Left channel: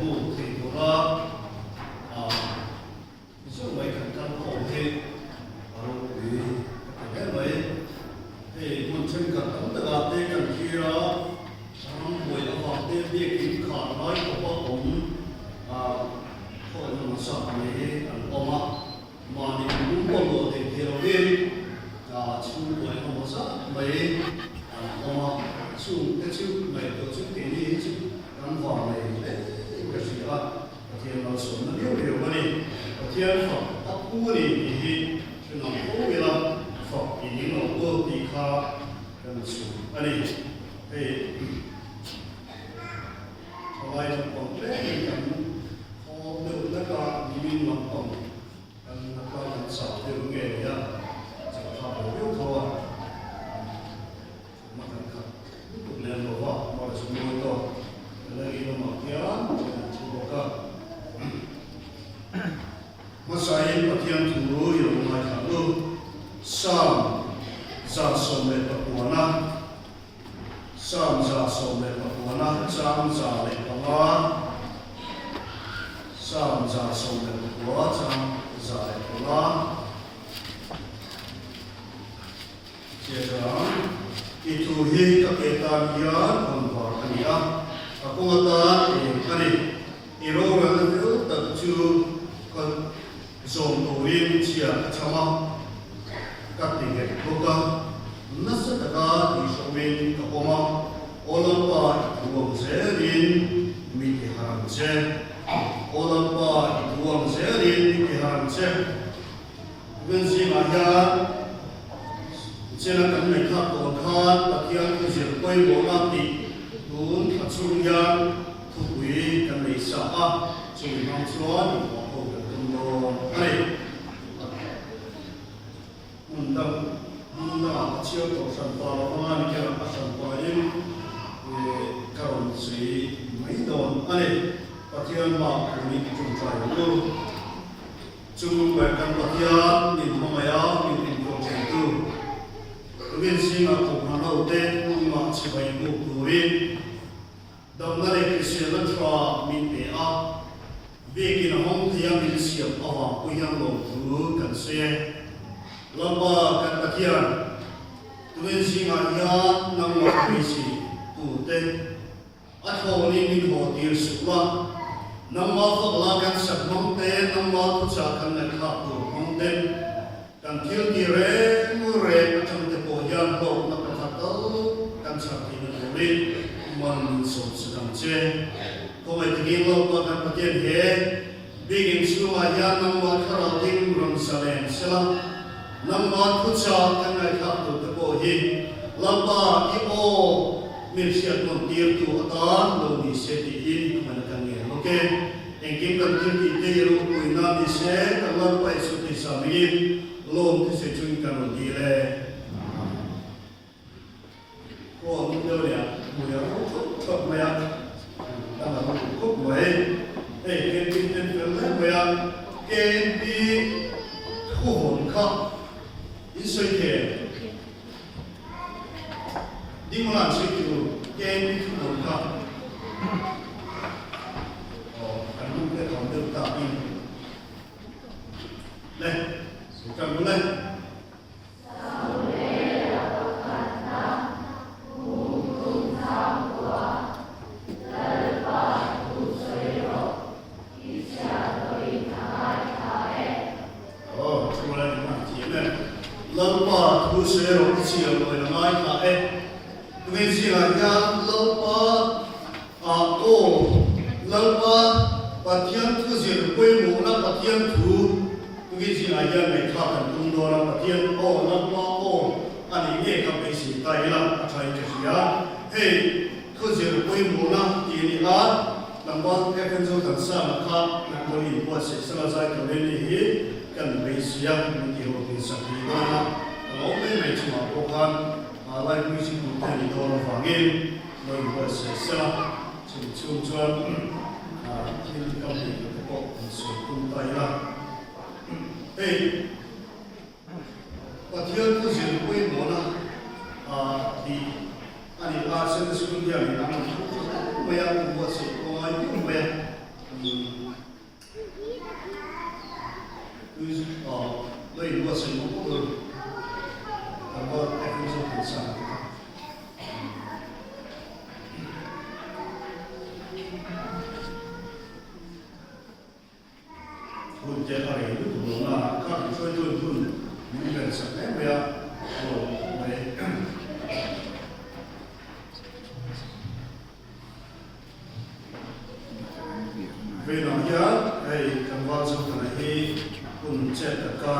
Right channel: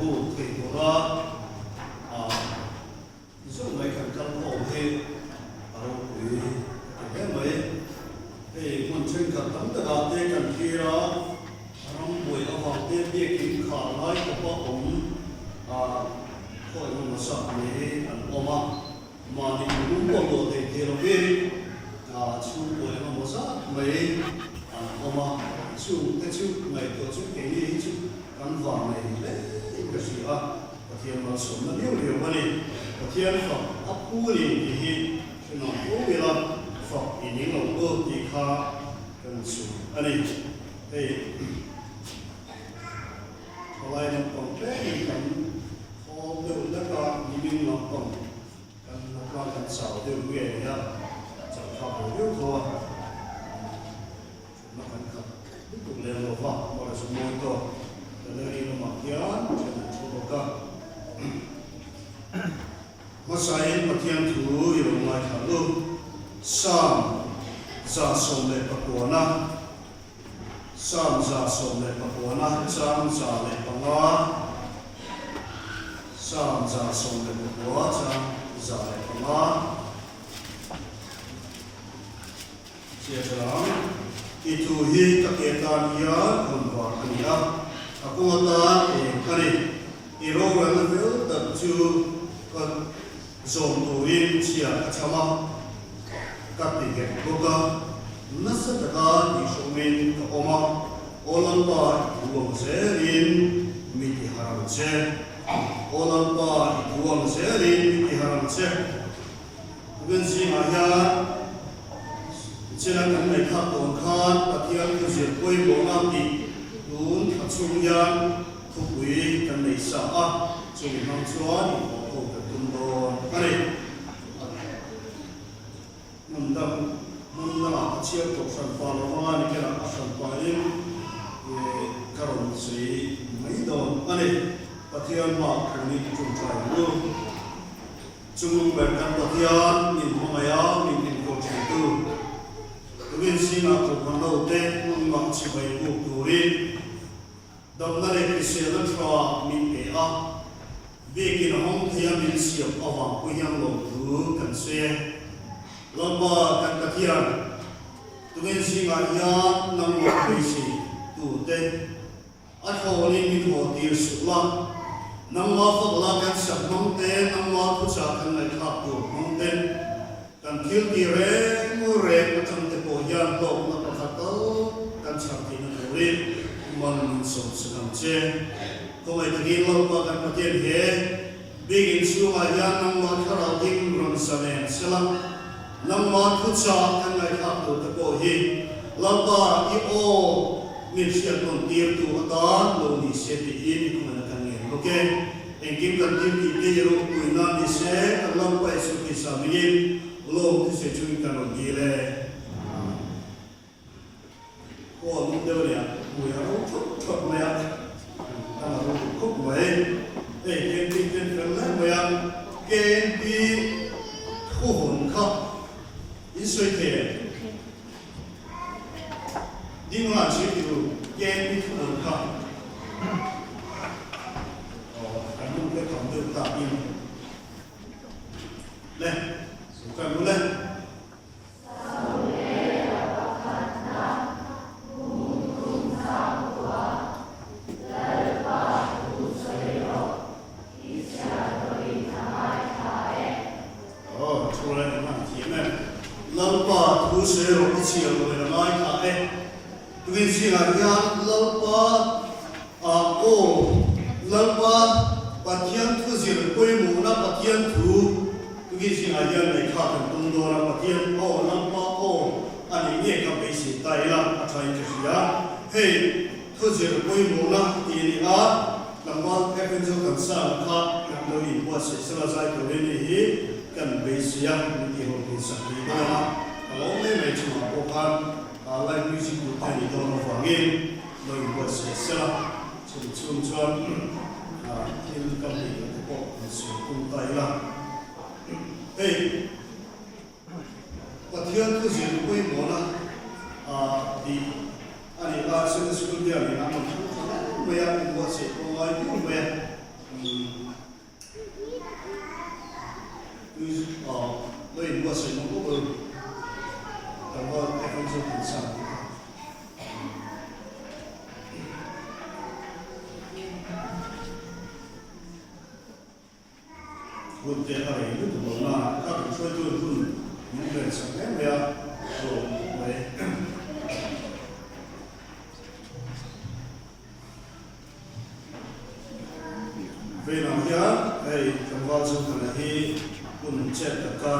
bu thì nó số mấy khẩn cấp hậu thế ở vì cái mấy thì một chân cật tấm tự hào tê cần kia đó không buổi nó hoàng tê bia kính khả nói của bác ống thôi nó sợ mấy ôm mà thì cũng có lộ thì đầu tiên chú buổi nó một rất mấy ôm chú cái chú này tổ chức cái gì chú gắn hoàng này cái gì á thì nó xuống nó điều cái này thì nó hấp thu thì nó cũng biết là phật thì những lòng cô thì khá cần xuống anh ấy thì hồi này còn bé thì cần họ được tất cả những lòng còn cần con cần sợ từ người đó chẳng phải hiểu thôi nó cần khắc tiếp tục lên rồi vào mà là số môn thôi để đây nó mặc giá chỉ có cơ mà sai mà thiên thủ dùng ngoài thằng luôn sam za som le pakuana sam za som le pakuana sam za le panga sam za som le pakua sam za le panga Siapa itu hi kapetan ia konvar ania aku ngata kali iro yang itu tercu kan zom tuin cia cama katige boka nasa taka di shomin ka oma olampa buang serin miti haram che olampa buang serin miti haram che gensi maya Jangan kami takutkan bagian ujian koi bolam di nun acungyan kubui kami sah cumi mangsuan waktu ketundon kali mundang acil tosan palawan kira asam paling karon sri maidon kali bagian mak kami jumpai lu cuma bagian ni mamaya ni timur itu Tuwin singa kumano te mga sibay mo tuwin dam na le kisilan fra min pe a beki na hong tiya min siyap awa kuyang lo tu kan se lamba kan takiran tuwin singa ya nang mo kuisi tu te at ho ni min ho tir sukla nang ma fakla kan sak nong te nang ma pucha kan na khap tu nong te kan til ti re mu re atang te po yan po na pagkataw kan sa tinatuloy man so sedang che kung ay tigil mo kan patien he bigin suma yan ng mga karating rung salen sila ng mga kutsa kan ay kapto te po hi lamba ipo min siya kung tirtu atan lo ni siya diin kumanatangin okay engkim kan tirti tiro kuina ni siya kan lamba iso kisamin Lom tu sejujurnya kalau gila, oh mungkin dia, muya cukup muya, kalau cukup muya, kenti muya, kenti kuhon kah, isu itu, di mana sih itu, kenti kuhon kah, oh kan mungkin kamu tak ini, leh. Bukan bulan. Oh,出来嘛，姐妹，老爸读书了，一起了，为了买卡哎，对起来呀，老爸老爸把天土些规模那把天土。Begini aja mereka tentu orang bagian nampak ani ni kan besi Thailand atau Indonesia hei kerja kue mula ini nampak kepenjau kan sama nampak ini buat selesai kali ini kan besi yang kira bisa dibuat kalau memang cuma bukan lain musik bukan di dalam fangin membuat selesai cuma ini kami untuk masuk Thailand Hey, bagian tu jadi kue mola, di ani bahasa sekolah ni, namun banyak buat sekolah itu banyak Lei buat saya nombor tu, kalau efek tu besar. Lúc dia hari itu tu mana, kalau cuci tu pun mungkin sampai dia, boleh. Vì nó nhớ, hey, trong vào trong cái này cũng chết tất cả,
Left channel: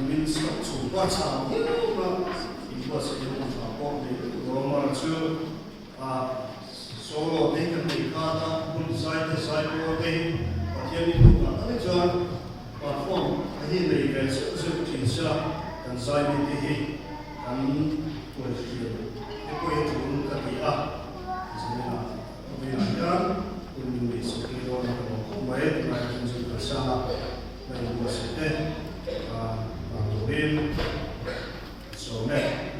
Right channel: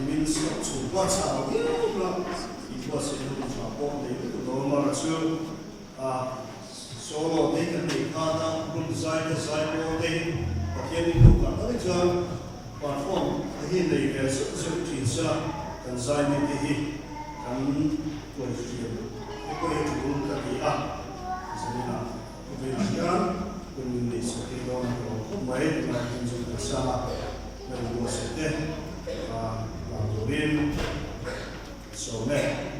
mình sẽ chụp qua sao nhiều lắm, thì có sẽ không sao có để đó mà là chưa, solo để cái này cả là cũng sai có để, và khi mình cũng làm cái cho, platform cái này cái sẽ chỉ sẽ cần sai như thế, cần tuổi gì, cái câu chuyện cũng là gì à, cho nên là vì nó nhớ kun di sekitar orang baik macam biasa berbuat sedih, kemudian somek.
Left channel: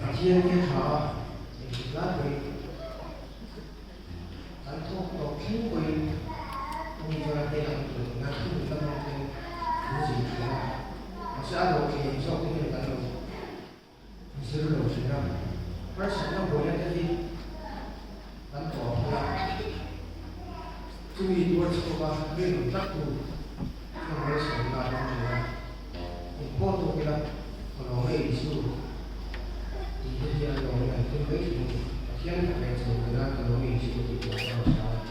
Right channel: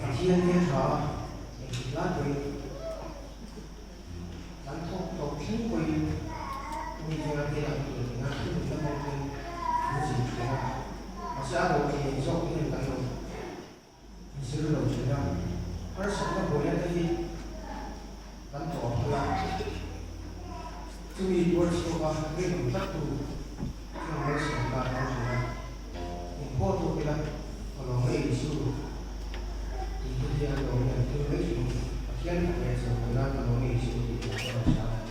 Asia kita lagi, tanpa mungkin menjual yang nanti kita mungkin musik kita masih ada yang sok ini kan. Seluruh dunia, persemua boleh jadi tanpa apa. Kami buat sebuah film satu yang harus kita lakukan. Foto kita kalau isu itu dia orang itu isu. Bagian yang sebenarnya kalau isu itu masalah.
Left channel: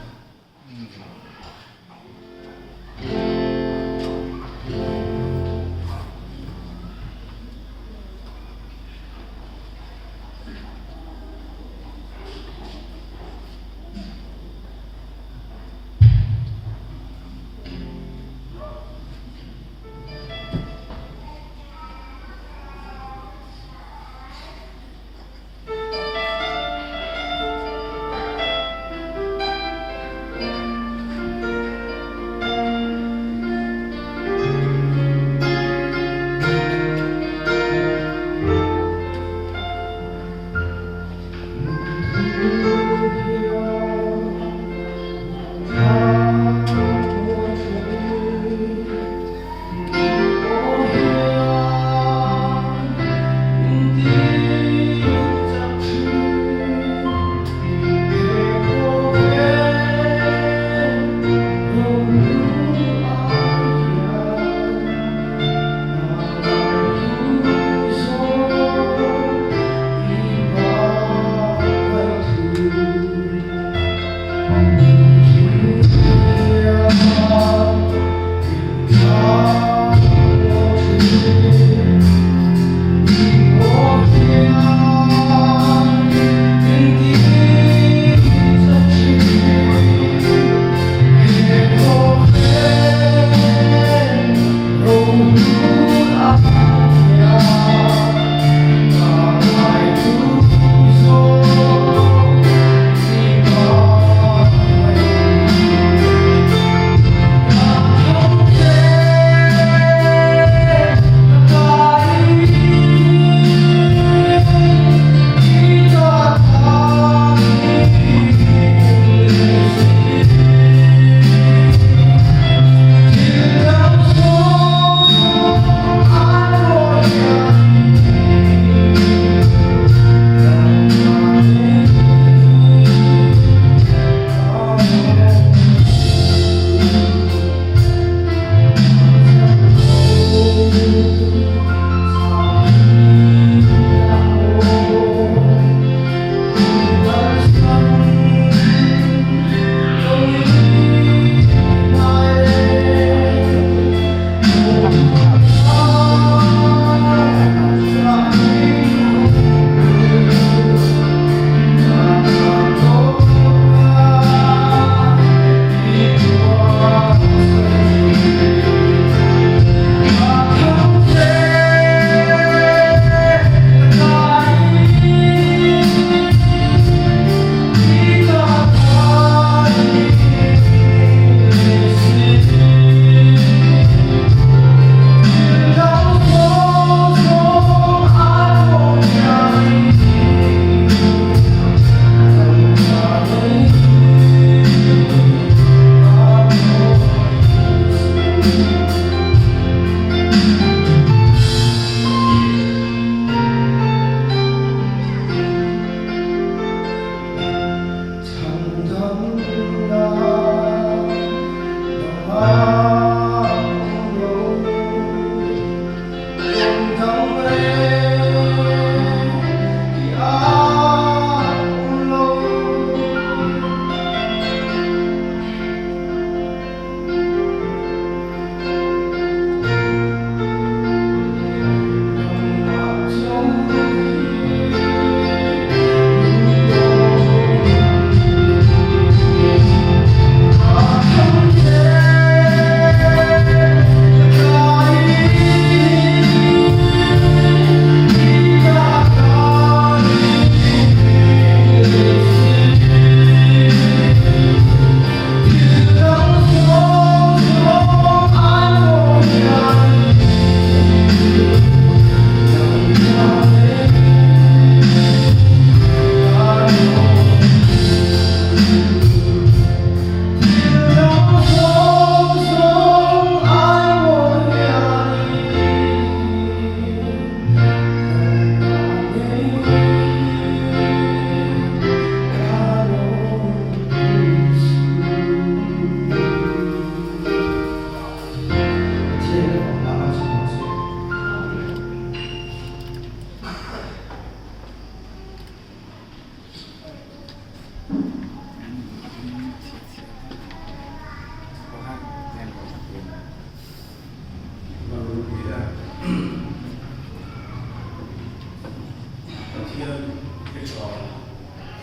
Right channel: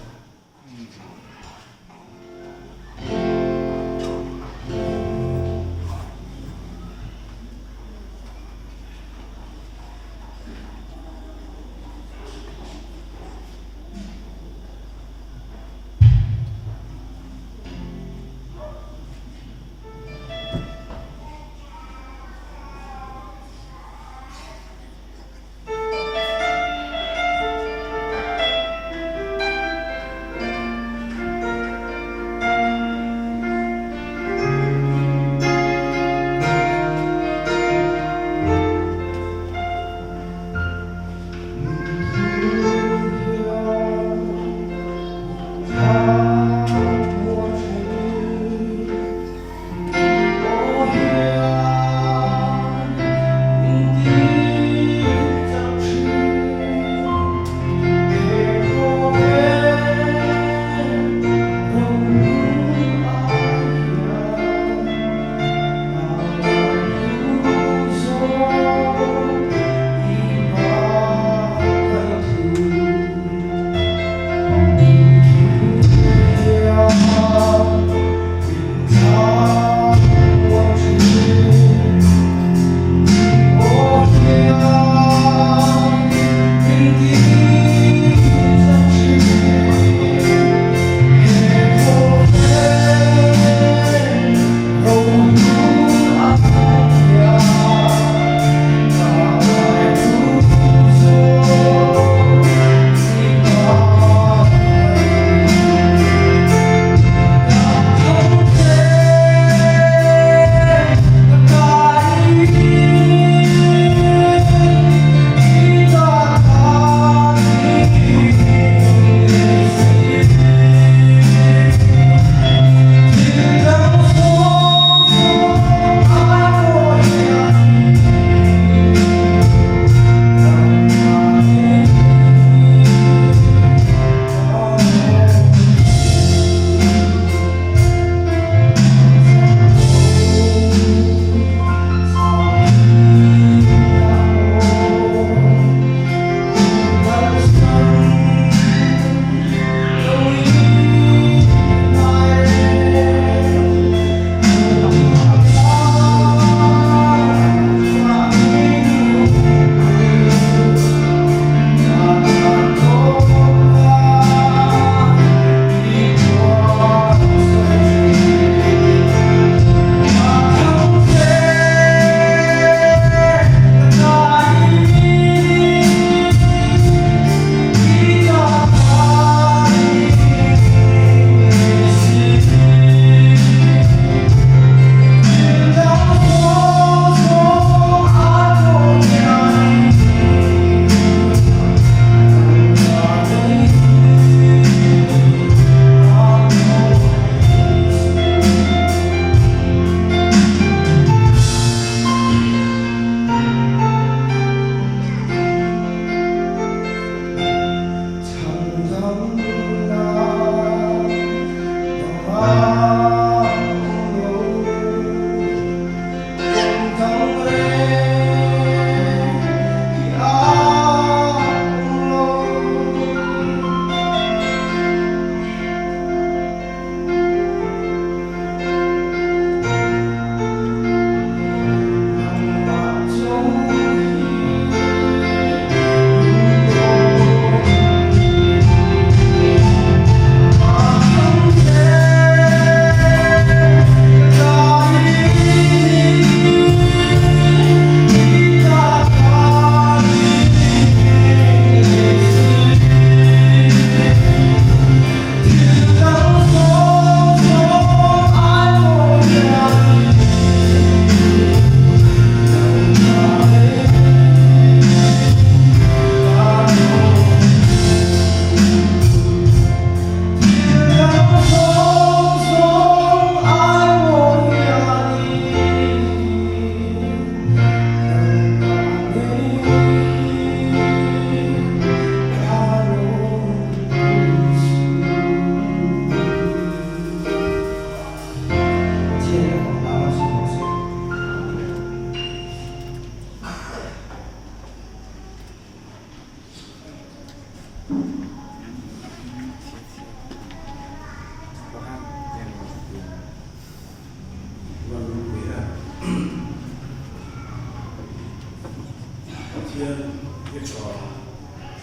thiên cái trò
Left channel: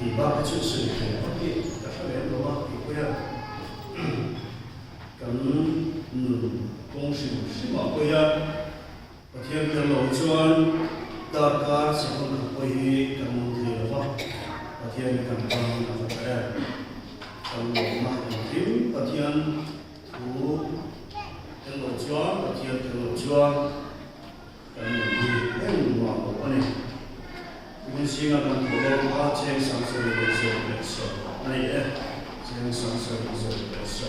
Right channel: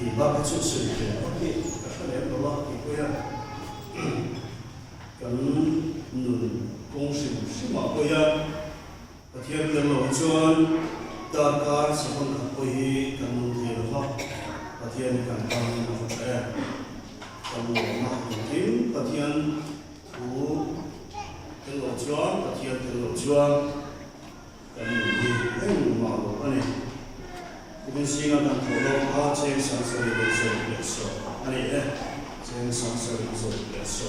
thì ba cái sự sự kiện ok các cái lẽ đó thì quay cần công sự sinh hoạt quay cái thiên cái lộ chuẩn ta cả sự phân khắc quay cần thì là cái thiên cần tăng là phải cần một mặt tiếng cái thiên thủ cái lộ chuẩn cái thiên cái lộ chuẩn cần gì cái mà cái này 이건 시간은 돌아와 제 상승을 했어. 아니 제 상승을 했어.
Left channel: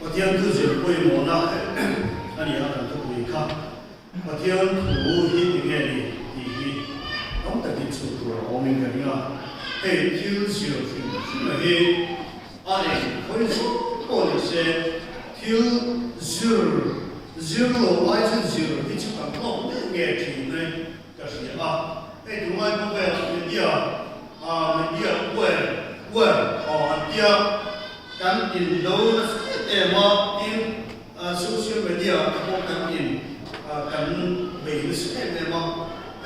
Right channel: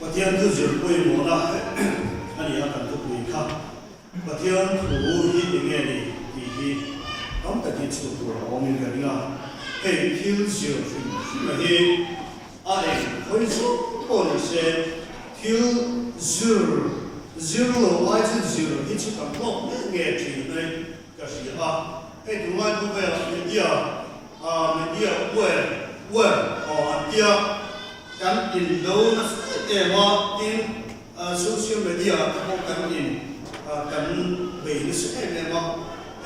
어디한 그저 보이 뭐나 아니 약간 또 보이카 어디한 부이 이게 이 아무튼 기초도 오면가니가 해 길지요. 이 아니 거기서 보내세 길 zero y to zero thì chúng ta không nghe thì này cái gì à cái thứ hai cũng vậy mình đi quên đi kan in đâu mà in social media không kan in kan về cái sự này mà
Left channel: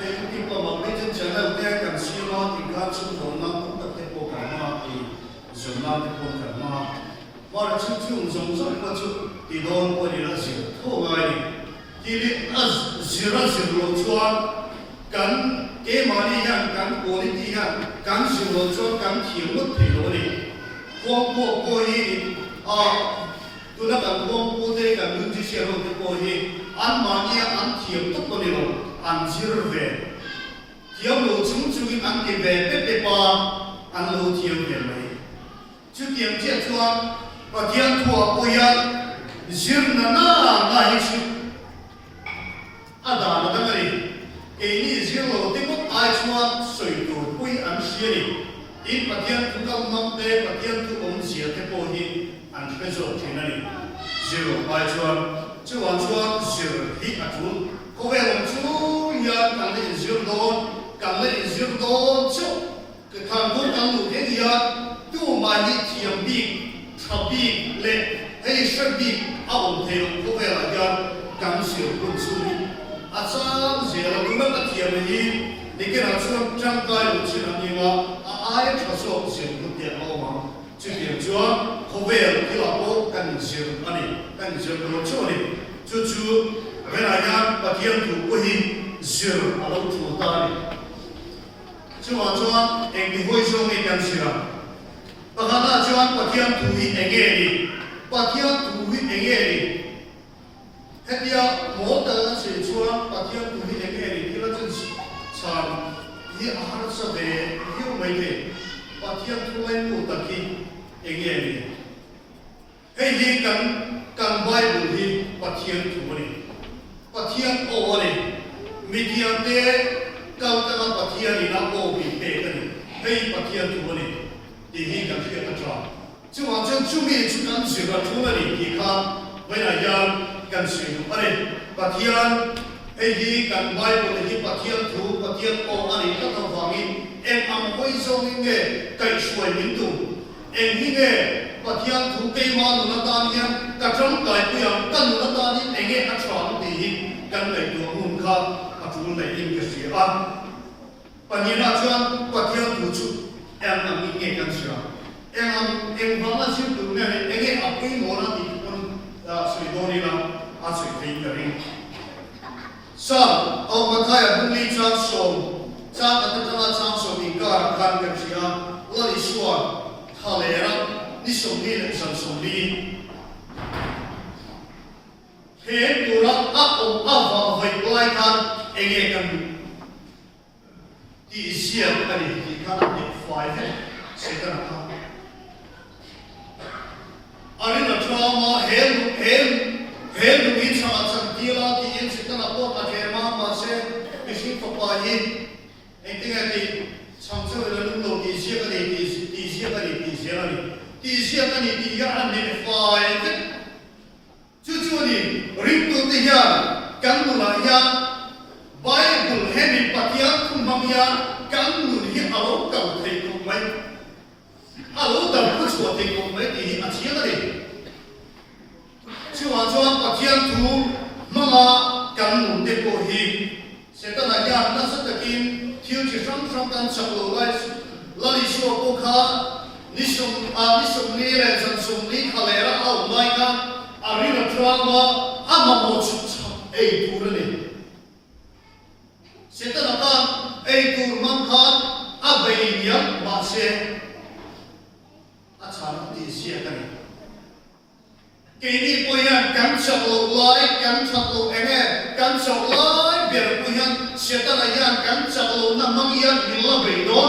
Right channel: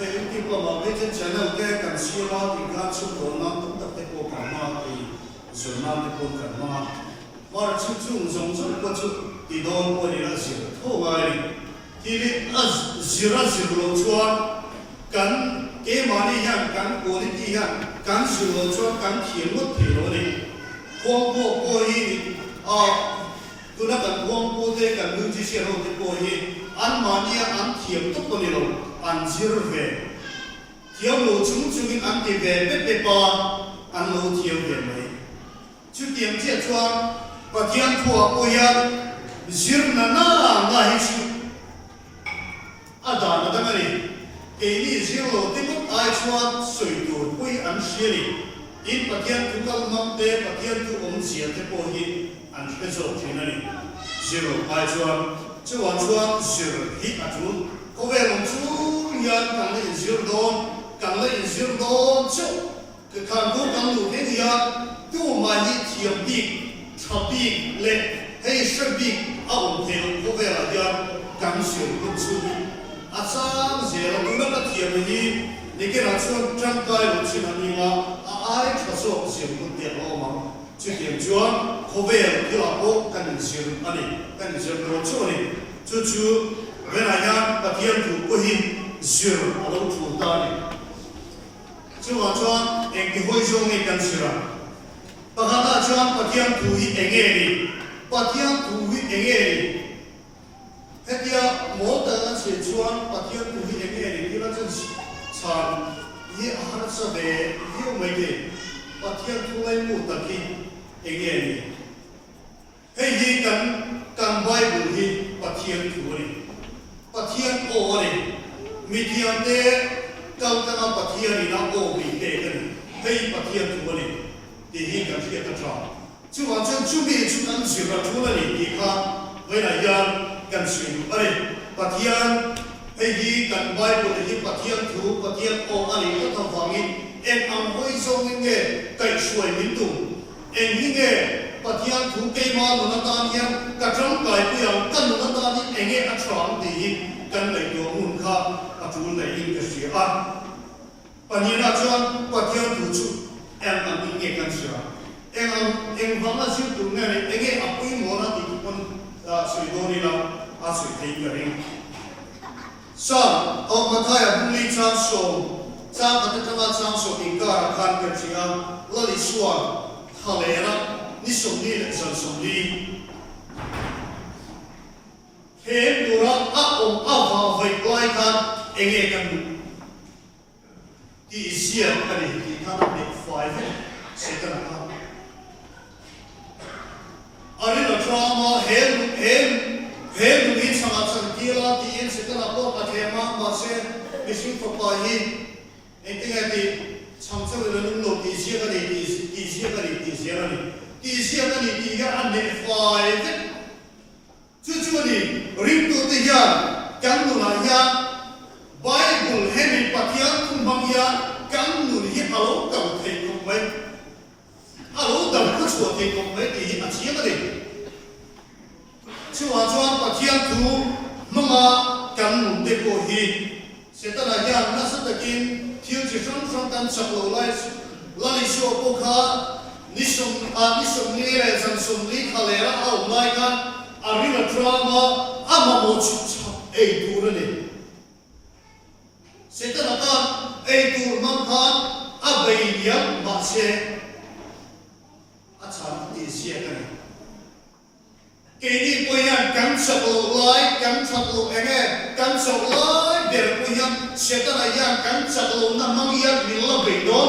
cái cái mà cái trên channel cái kan siêu nó thì kan chụp đồ nó cũng tập thể bộ cảnh mà thì dùng nó thì bộ cảnh mà là chụp dùng có chụp thì đó có đi là gì thôi ngay thì đi zero chuan kan cái mà đi hàng kan cố đi đi hàng kan zero chuan kan thiểm một thì đó đi quang bộ cố đi tôi đã kan quang bộ thế kan đứng chỉ xe rồi thì cố đi ăn mà đi ăn thiểm tốt con đi rồi ăn zero về thiểm lỗ chúng ăn cái về bếp ba ăn lỗ thiểm về mấy chứ thiểm chết chuan và thiểm thua cố yên zirna na hisu ada na dangari ini zirlo tikut ai chuan soi tur pui an siani in pathian tukal mamte pathian tu sia te po hi an peso thinani zirlo ai chuan zir hi atun ko ve long chu ya kan le zir don chu ka kan ko kan lu he ya tu ma ni thiam bi thabi le hei shabi ông thầy có vẻ là do cảm xúc của chúng sáng giờ là chúng ta thiền gì để cái nào chúng trong cái lúc chúng ta đi mà ai cho số tiền của tiền mà chỉ tiền chúa có vẻ là cái là có cần tiền anh cần tiền của chúa này chú về lại nhà và thiền thủ của hình tiền ở đâu chúng ta này chú mà chúa anh cái hội chúng anh cần tiền và hắn ta chúa và thiền thủ hình anh ấy pathian tu hi engeri hetia mota se chuan pathian tu hi engeri kila chen chan hi ahar sa be hi mai ke pathian tu mai mu taki engeri hei hi kan bible hi pathian tu ni pathian o ni mithiam te kal kana pathian ni na o bi te kan hei pathian tu ni ti hi kan se ka tra就往前准备出干水了，出了你看，为了要干水，把天，迄干外国的把天土，把天哦，安尼个头方面，按安徽上面嘅计水民度，按迄个把天土计嘛，那当年，各种大不样，跟那当年按个床地，跟来做门卡，做来用嘅水啊，把你那装把天土出，按安尼个干水啊。em vắng là siêu tùng này em nghe học cái món đó thì con sủi đô đi là sủi thấy cái này sao ông mà thay à bung ly trang sông trang ở trên trang sông thì cả khăn cái gì à là đi xuân thà lẽ đó đi sông đi lại sông đi thế điều đó ông vào vậy quay khăn em nghe cần đi xem cái này thì khăn bị phai hết sẽ cái nào ari la trauma hel ni changa chantila ti in sitana po pathema ma se bisin to pa hi entinga ti chamsa la lung lo ti sia ka ni ti sia ka ni ti ya an ne fai ke chu ni ring to ti ya kan nu la ya bible hemi pathian khum bang ya kan nu hi alo kau thei ko mai alo dam ko chu thei ko mai ti a sia ka ni chu wa chu pathian tu mama kan nu te ko hi sẽ ta là nhà nó rất là kim thiếu chỉ trong căn sập lỗ lại là lý số cô khá lý sông lý là dân sông lý khá lẽ là ông mai khăn ari là drama mà một chút ấy tu này sẽ ta là con ấy tu mang khăn bây giờ mà sẽ chạm đi xe cái này cái đi bây giờ cắn sập lại cắn sập lại cắn sập lại để bây giờ sẽ ta là giờ cắn sập lại nằm mang giờ mình là bị đòn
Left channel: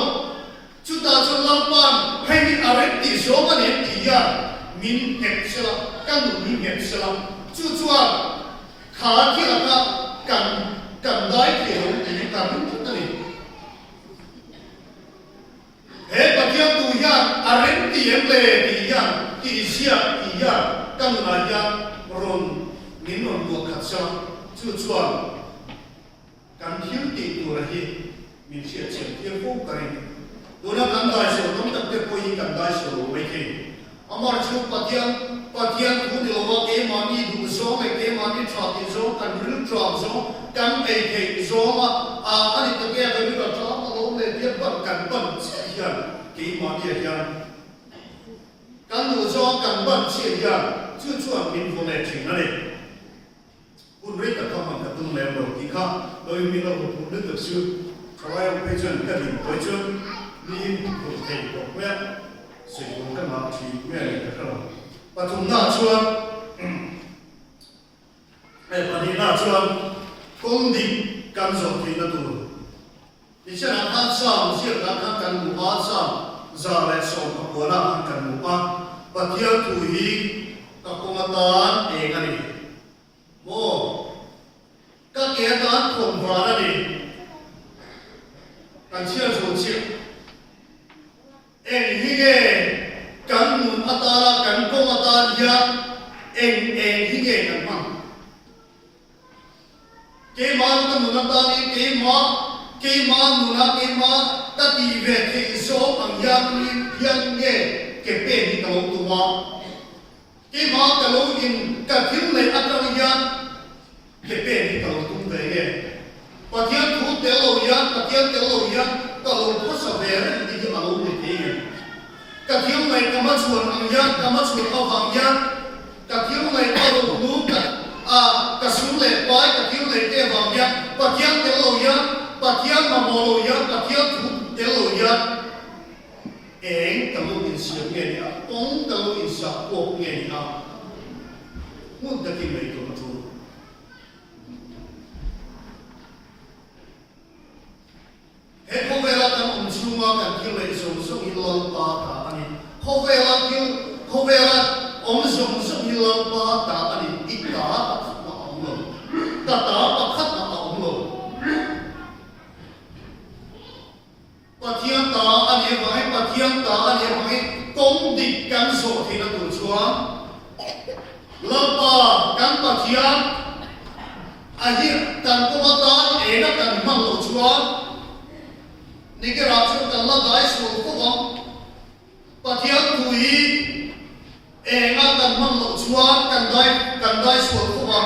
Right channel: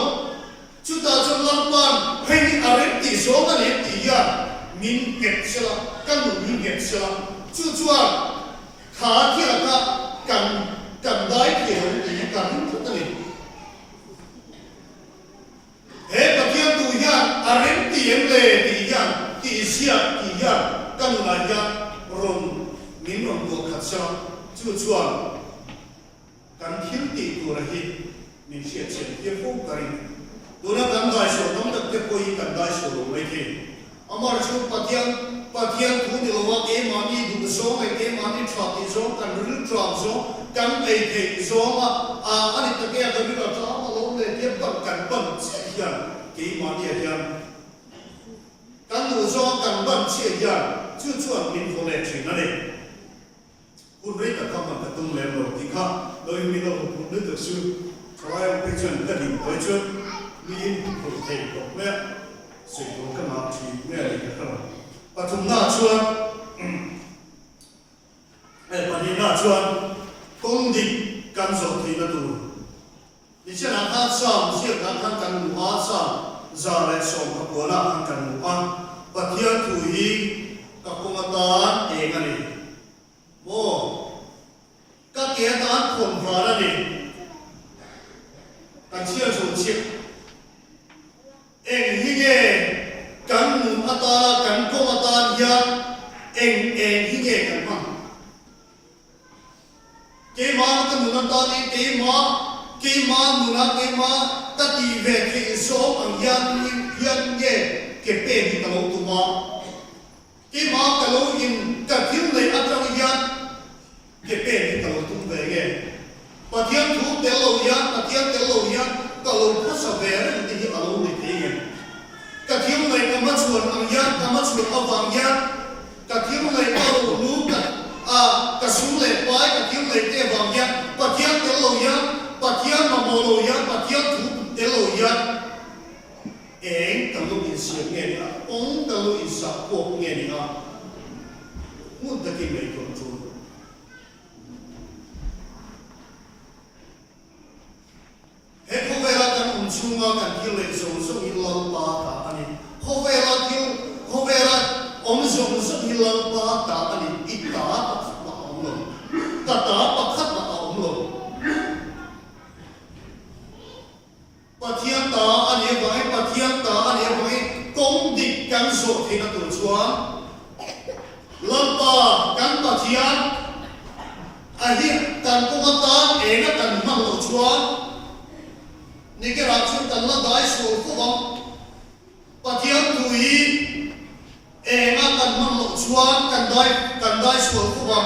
chúng ta trong lòng ban hay đi ở đi số cái này thì giờ mình kẹt sẽ là căn mình kẹt sẽ là chú chuan khá thì là cần đái kiểu thì cần chúng ta này hết bậc thiên tu hiền ở tiền lệ thì hiền thì xia thì hiền các người là hiền rồi mình còn buộc khát sao chú chuan cần thiếu tiền tu là gì mình sẽ chuyển tiền phúc cái đó là cần đại số không tập tiếp coi cần đại số vậy thì amar chú bậc thiên tu đi lâu cái mà đi đủ số cái mà đi chọn đi số cần rút chọn số cần ấy thì số anh ấy tự nhiên cái rút chọn mà lâu để tiếp bằng cần hiền cái mà đi hiền cần đủ số cần bằng hiền chú chuan mình không để chuyện nàyคุณเรียกกับเขามันต้องเลี้ยงเราที่ข้าโดยมีเราคุณนึกถึงชื่อใครเอาไปจนกันอีกไปจนนี่ถูกเตะตกแม่สิ่งของกันมาทีแม่เลยนะครับปฐุมหน้าชวนไอ้ปฏิหน้าชวนต้นดิบกันสองทีนั่นดูดิฉันอาสามเชื่อกันทั้งกันหมู่อาสามจาเลสองขบวนทั้งกันหมู่อาปฏิยัติถุยกับกงตานเองกันนี่โอ้ก็เกี่ยกันคนพระนี่กันเชื่อชูเชื่อเอ็งฮิเกกันมุนอัตตากันกงอัตตาเยอะเอ็งฮิเกกันมั้งเกี่ยมันกันมุนอัตตานี่เกี่ยมันมุนอัตเกี่ยมันตัดที่เวทีโซ่อังยันเก็บเป็นที่ตลกตัวเกี่ยมันตลกยินกับทิ้งเลยอัตรายันเก็บเป็นที่ตลกตุ้งเลยไงปะเทียนทูเตลยันปะเทียนเตลยันตลกพุทธเวรที่อารมณ์ไม่ดีกะเทียมเลยกำมัดส่วนอังยันกำมัดส่วนเอาวังยันกะเทียมเลยเอาลูกกะสุนเลยไปกะเทียมเลยเตวังยันปะเทียนเตลยันปะเทียนมาโมโลยันปะเทียนทูเตลยันเองตลกอินเสียงเงี้ยองตลกอินสักปกเงี้ยมุดตะกี้ไม่ตัวจูเฮ้ยเขาเวลากันอุ่นชุ่มกันคิวเลยส่งฮิลล์ปาตาอันนี้เขาเวลาอมส่งฮิลล์ปาตาอันนี้อีกตาปักขัดมาเอาลงตาปักขัดมาเอาลงปะเทียนตาอันนี้ไว้ปะเทียนตาอันนี้ไว้กงดิบกันโสที่นั่นตัวชัวลำปากันปะเทียนอันนี้กันกุมตาเองกันมันโลชัวนี่ก็รับช่วยกันละได้ส่วนพวกปะเทียนตุยเองกันมันหลงชวนกันได้ส่วนพวก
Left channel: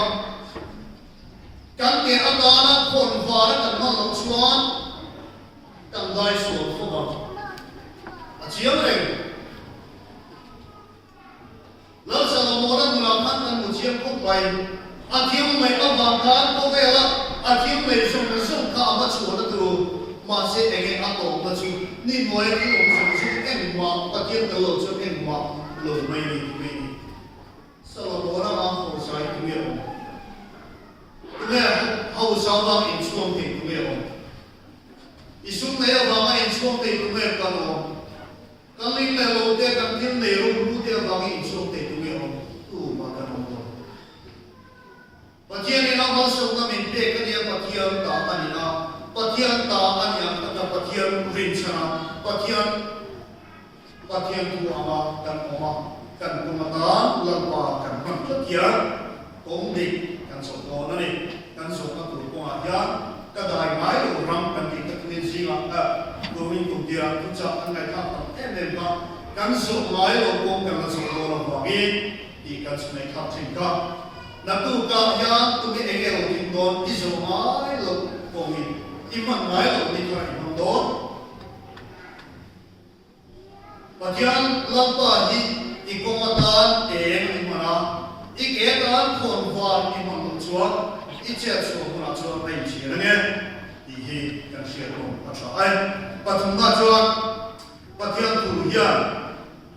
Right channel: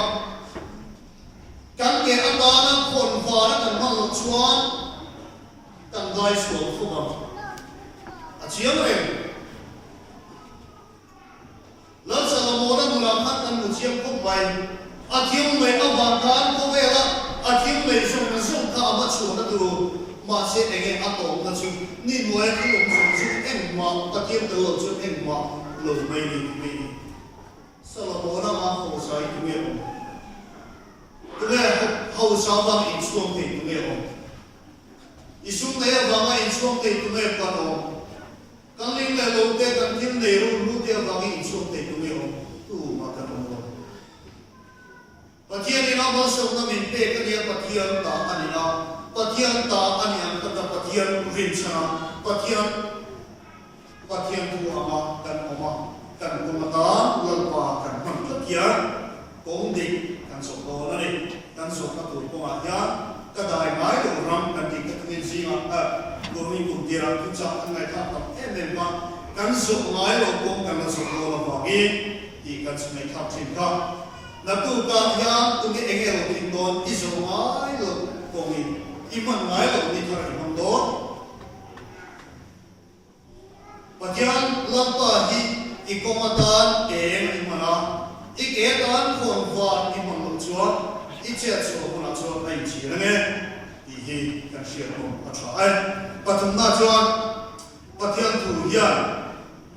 กันเกี่ยอัตานักคนพาแล้วกันมันหลงชวนกันได้ส่วนพวกอาเชียงเลยแล้วสารโมนั้นมูลค่ากันมุเชียงพวกไปอาเทียงไม่เอาบางครั้งก็เวลาอาเทียงไม่ส่งข้ามาชวนนั่นดูมาเสียเองอัตโตมาชินี่มวยที่ลงส่งชิเอ็งมาตะเกียบตลอดชิเอ็งมาลงไม่มีสารโมนั้นมาหัวใจตัวเองตัวเองเขาสาวว่าอินช่วงที่ตัวเองอิสุเล่ว่ามาอินช่วงที่ตัวเองกันอ๋อกันลิงเล่โลเตกันทิ้งเล่รู้เดียวว่าอินช่วงที่ตัวเองตู้มากันอ๋อปัจจัยนี้เรามาส่งกันเป็นเป้กันเดียวปัจจัยต่างกันนี่นะปะเทียนตาอันยังปะเทียนรินชนะปะเทียนตัวอามากันกุมตานลำปากันมันปะเทียนกงดิกันสกอนั่นเองกันสกตัวกงอาญาก็ได้ไม้ลงรำกันดิกันเป็นสิ่งโดยมีกุญแจทุกอย่างอันไหนครับเอ็มเอ็มมากันสกไม้ลงกงกันสกลำปาอีดีกันสมัยครับสิ่งก็นับตัวกาญาตัวนี้เองเราทิ้งโดนอิสระไม้ลง công iman ngai lo ni thar imam do pathian lampa hi ikomatan eng imana iketan khon van imam chuan ichia chu huna chuan ai chi la nge hi kan share no atha ai pathum na chuan pathian tu hian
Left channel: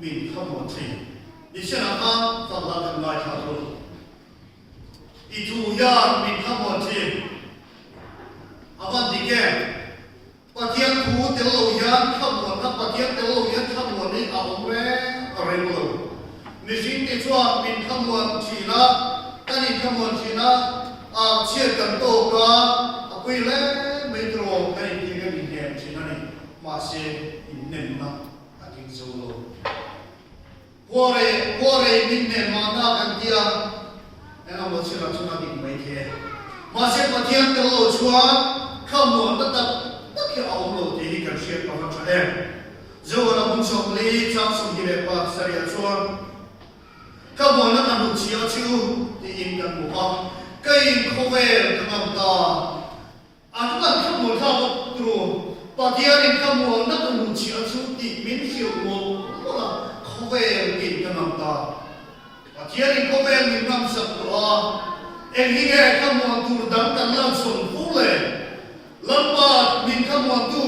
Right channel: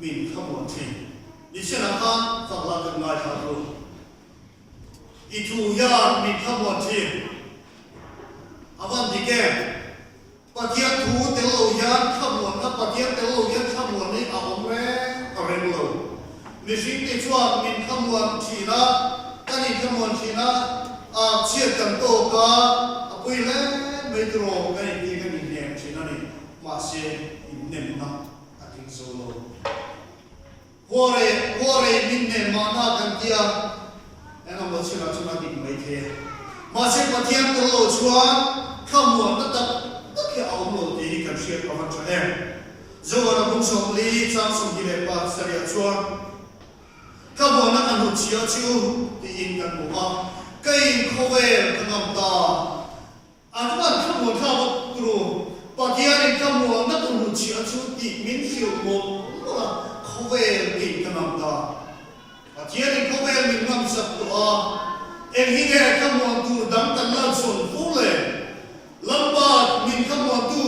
min khamon thi ni sena kha sabla kan ngai ha ro i tu ya min khamon thi avan dike pathian tu telo hian khamon na pathian telo hian khamon ni a omwe arelo ni sing ti chuan min khamon thi na tani khamon thi na a chia kan to ka apui le metro kai ti kan ni nem thi na ni ma se in nem na aking solo Wore minne mana kan dia ena mo sila chuna dik mai the ma se pathian to lo chuan khamuan ta tak ki au lo ti kan share ka ma cha zo na mun som li chang som gi le pa saria chuan khamuan na kan hu chia chu ti in kan mu ha kai khovel kan ta atwan khamuan tha mo tru pathian in khamuan na kan hu chia chu ti min hiu mo khovel ki kanam ta pathian in khovel min nam sak tu a en hi ge khamon tu dam tan lam son fule lamba min khamon tu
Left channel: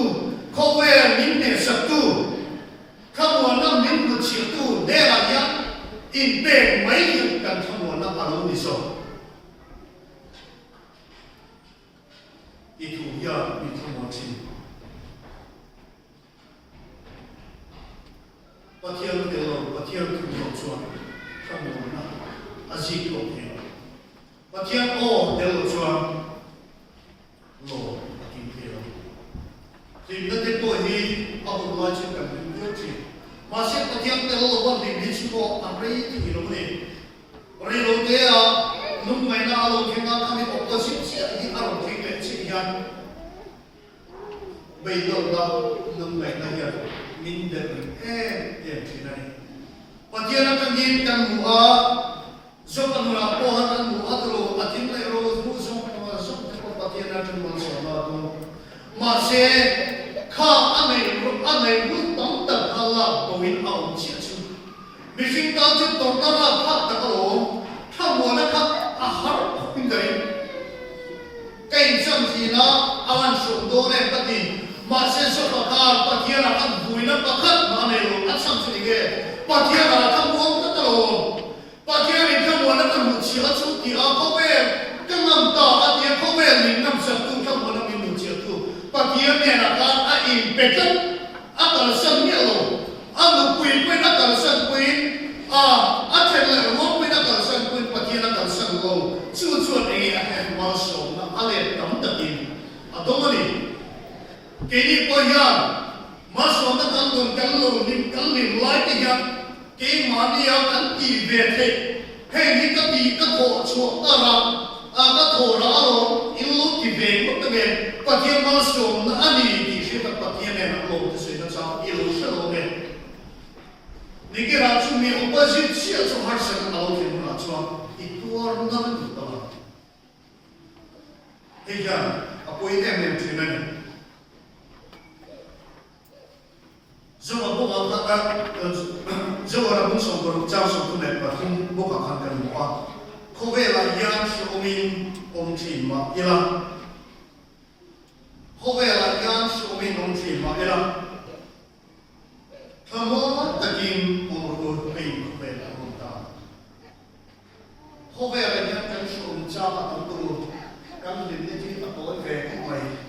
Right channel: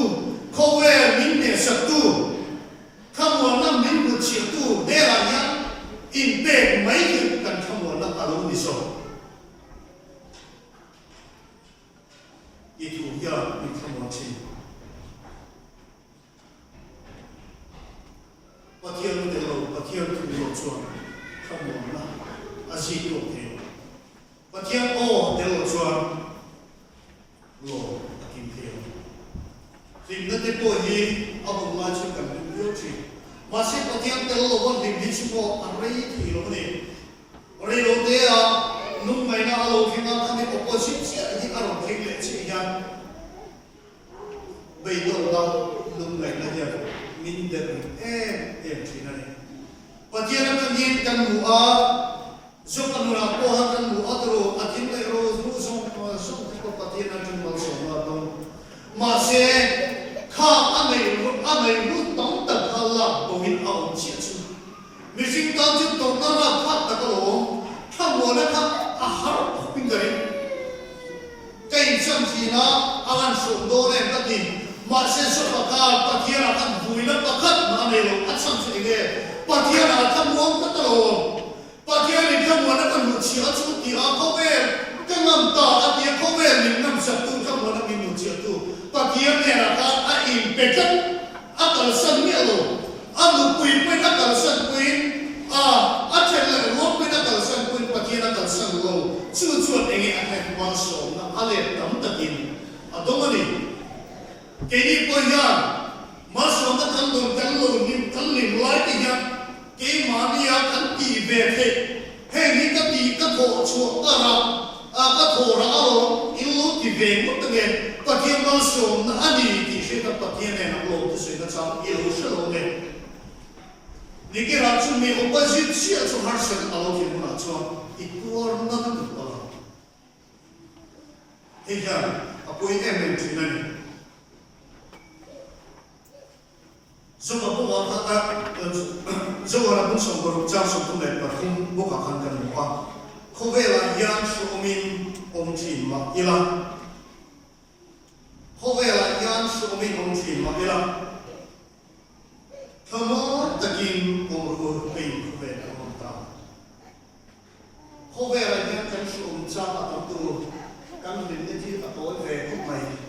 khovel min ne sak tu khamon nam min bu chi tu de la ya in pe mai ki kan khamon na alo ni so itu ya min khamon chi pathian te lo pathian tu lo chuan khamon na azi ko te pathian o te lo chuan lo akin te tim na te po hi abu ma chu kam ni lo chi ma se pathian te lo wan din ni chu ko amrei ti lo ni ore lo te a nung mai na lo thinga khani opposite se hi aro thing le chi yan bei do da nung mai na ya min de thi na ni pathian kan yin kan mu a zo kan na po han kan mu a tro atin le ro ru zo ko pathian kan mu so na do ma se kha anei ru tong ta khala ko min a om chi chu mi sing ta chu to ta ra phat ta ko tha mo na kha a har pin gari kai sam si na awan so do ne ta ti ma se so ka pathian kan buina pakhat ma ne lo acham si ge pathian kan mo ta to pathian ni kan mo na kan mu chi a chu ti a ko be kan nam ta a ti ko be ni nam sa tu kan mo na min mu chi tu pathian ne na ka a in pe kan a ta san ni lo a mu pui pui na ta san pui a chen le mo pui na ta san pui pathian na ta san lo chu chu e a he ma so na a le tam ta tin a do ma ni kini poya maso na kan don kan lo ni kan ni lai ti ya ke ma ni ya kan ti ve the he ni ka ti ka ko chu ta ra a ka tho ra lo in lu ti ve mo ta ge pa ti maso na ani ti she ta pa ti ne na lo ti se na cha i lo sha lo ne ni ke ra chu me opposite si a chu har sa ka lo ki mo na chu i tuor na na ti ta he ya a ko i em ti na ni Zuma bukan kata, Zuma nak pun sokor jauh sokor net, patung bukan kan muka. Kau bela yang suamin om cima, ilah. Kau bela yang suamin om cima, ilah. Kamu takin umur pin kau bela muka. Kau bela yang suam jauh atau kan diniti tak boleh berkumai.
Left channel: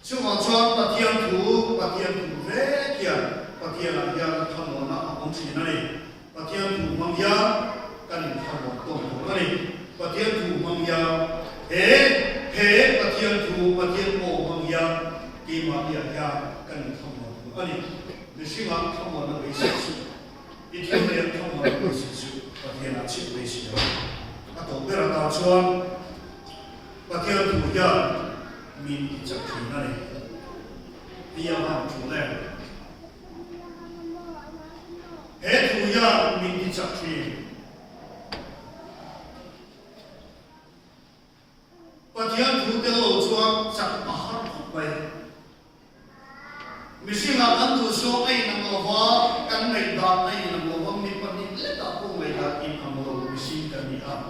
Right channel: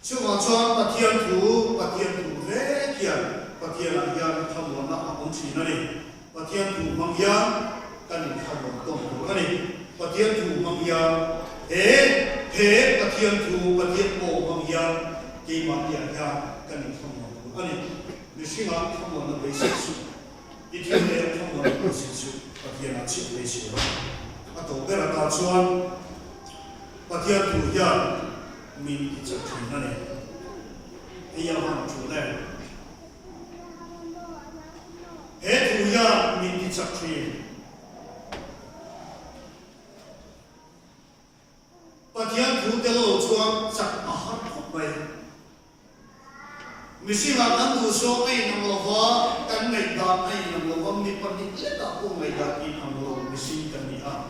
Cuma cuan patian tu vekian patian yang kamu nak abang cina ni patian tu mangya kan kamu tong kan ni patian tu mangya patian mo mangya di mangya ya kan kamu kan ni mesti mak kamu nak bersih itu yang kamu nak bersih patian acik bersih atau berada cuan patian tu ya min cak cina ni, ia ham cuna. Tu ya min cak cina. Patian tu telo cuan cak misi là ăn đủ số ấy nằm ở hoa căn ngày đạt ấy nằm ở hoa mi phần đi lết đạo cùng ngày đạt in nằm ở misi căn đi ha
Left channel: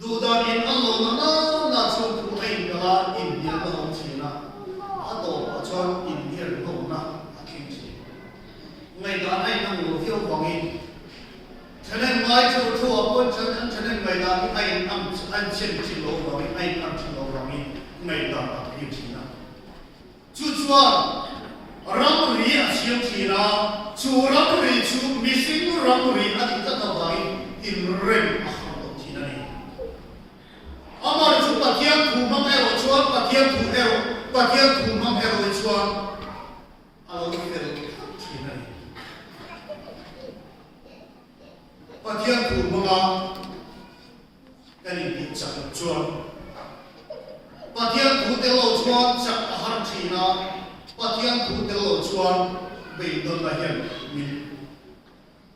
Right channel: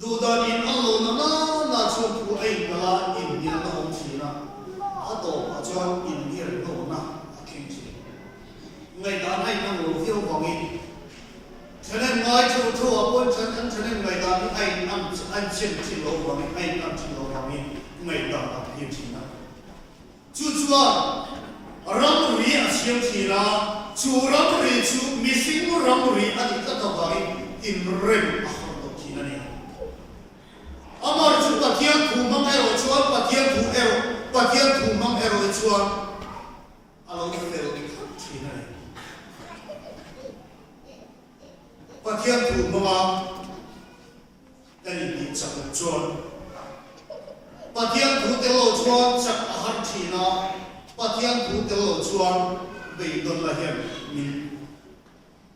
đủ đạt in ăn lô nó là số phụ ấy là in điên là không chỉ na ở tổ ở cho in điên lô na kinh chỉ ngày đạt ấy nằm ở phiêu vọng in cho nên ngay chỗ chỗ ở bên cho nên ngày đạt ấy ăn chiên chiên lô vọng in ăn chiên lô vọng in ngày đạt kinh chỉ na chú chúa rong rì ở siêu thị na chú rong rì chú missing rong rì ở những cái tàu bay in rem ở trong thị này amar chú bắt thiên thủ mang hero chúa bắt thiên thủ hero bắt thiên thủ mang hero chúa alo cái hero thị này bắt thiên thủ mang cái này bị chặt chúa bắt thiên thủ telo chúa chặt hard thị na bắt thiên thủ telo chúa bị đồn là hiểm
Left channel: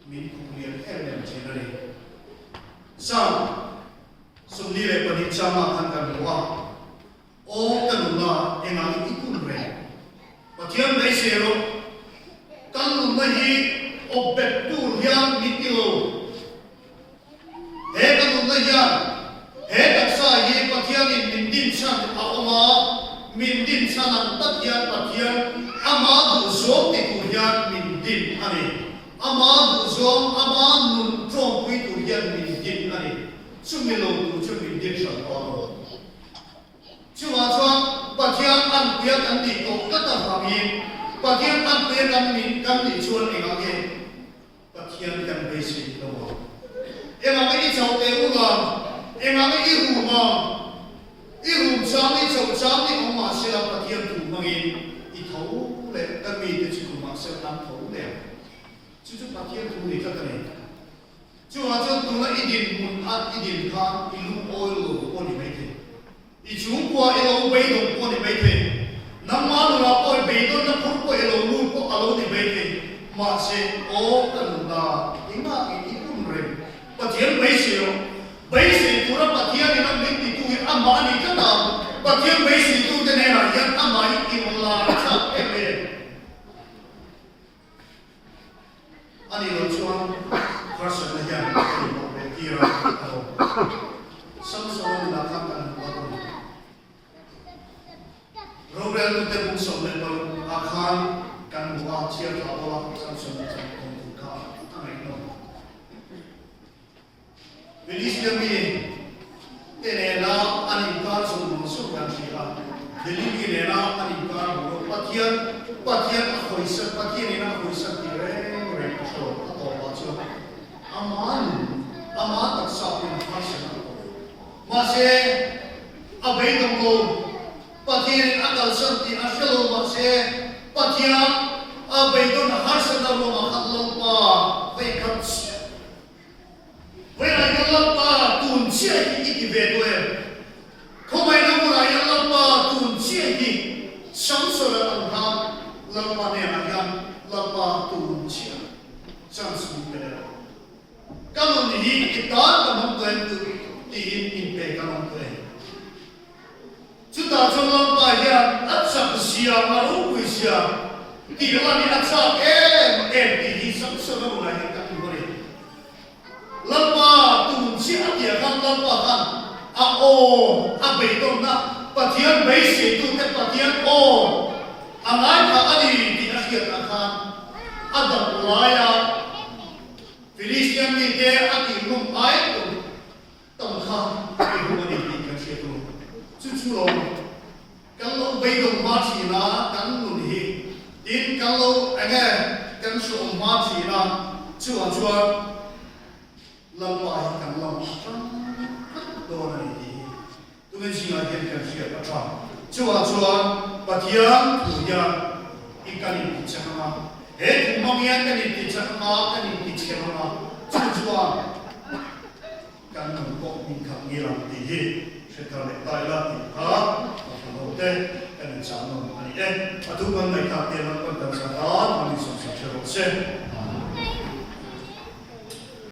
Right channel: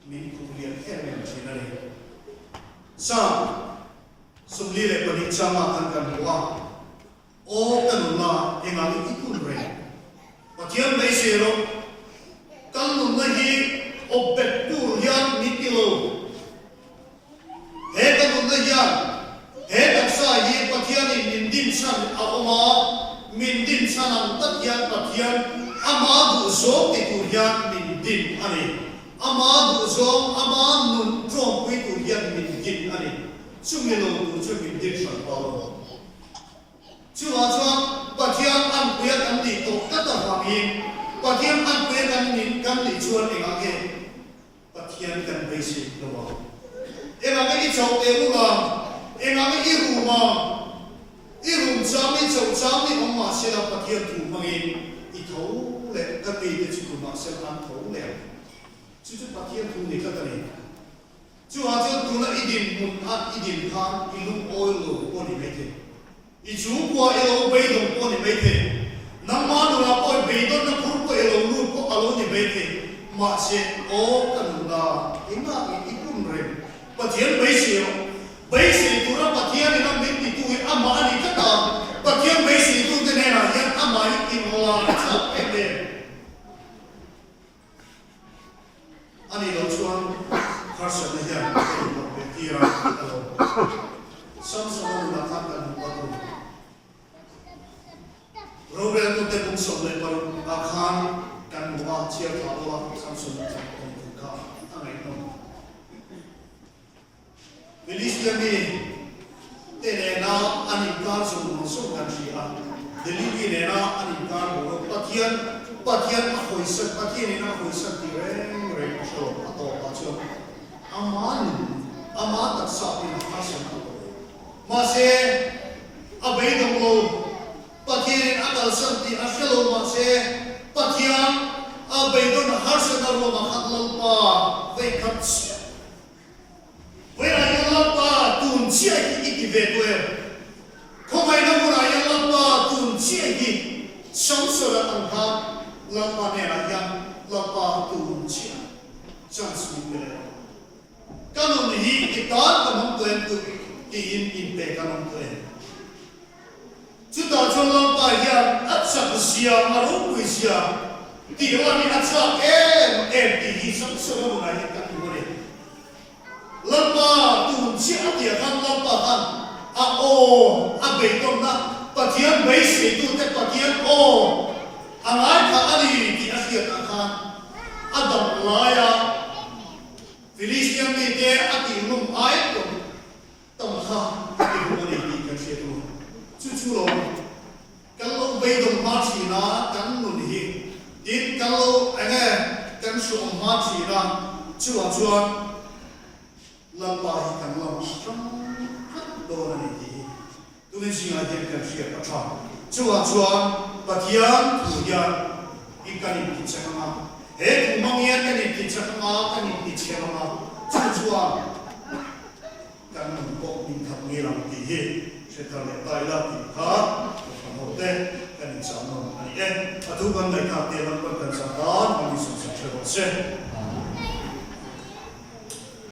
mình cũng liền theo niệm thị này sao sung ni le pani chama kan kan wa o kan na enga ni ikun re pathian dei se lo kan nu hi o bet tur hian mi kilo he kan nu hian he tak sa hi pathian in min din san a oma min din san ang tak hian pathian ama du so ti tu hian min din ani ama du so ama nun trom pui tu hian min din ani chung ni lo tu chung min din san pa lo chu wa chuan pathian an puya kan ti to ka ta ha mi pathian an puya kan min kan ni chuan enga ke pathian kan be si to wa enga ke chau te u la enga ke i ru ma i ru chang ni chau chang ni ma ma se la pathian tu mangin i thau le ka mi te chu ma se lam thau le chu chu pathian tu ni ka ta ni chú họ cho tụi nó ít điểm muốn ăn ít điểm khan ít lúc oi lù oi mấy thế ít chú qua elo bay đồng oi mấy thế nằm má đồ là oi bay đồng nó phun qua elo luôn qua alo này mấy thế mà sẽ ô cần là ít mà ít cũng rèm và thiên bay xìu tụi nó và thiên nó biết thì tụi nó mà đi cái nào và thiên bay xìu tụi cái này là hiện ăn mà ít kim là sao em đây anh đi đâu chuan person na yan ay tira samsung na nakakanan ako Robert no te mong sa level akhan kan mga siya kalawa samsung na sa kompuka ang ito Bilis kami tenena anikar sa mga sukan siya delili nena anikar mo patian ako isa patian na ako isa tireng rekso ato patso aman tak sapin hasan masih abai dong lo patian akal santi asal masih patian abai dong hasan dong makan lupa vekats wera yang lupa tun cia iki vedwe komai namura yang lupa tun cia iki samsura angka lupa nerayan lupa tun cia samsura kanon ni kita kanon tuen tu in pe kanon tuen juta jolong paya atsa sia maru sia ti la ni atsa ti hi sam so na ya ka bore lapa tu sia dia kan lapa kan a o a be ton na pathian be se tu te pathian o angai ka ani ti asia ta kan adam laya Filistian ni dia ati lum ai pun tong kha ati lum ni di kan sia tu chu lo kalau beidong mati na kan mun hi in kalau anga kan su mati na chu lapa hi kan lo strong do na ni tu men sing la dia kan sia ta chu patian tu ya ikan ni chama kumang yan kanit tichama kanit tichama chua kan nang po min khang ngiram ti hi setale taila ti kha hote kan chama ani atu ban mai kha te lan kan sa ta ani so se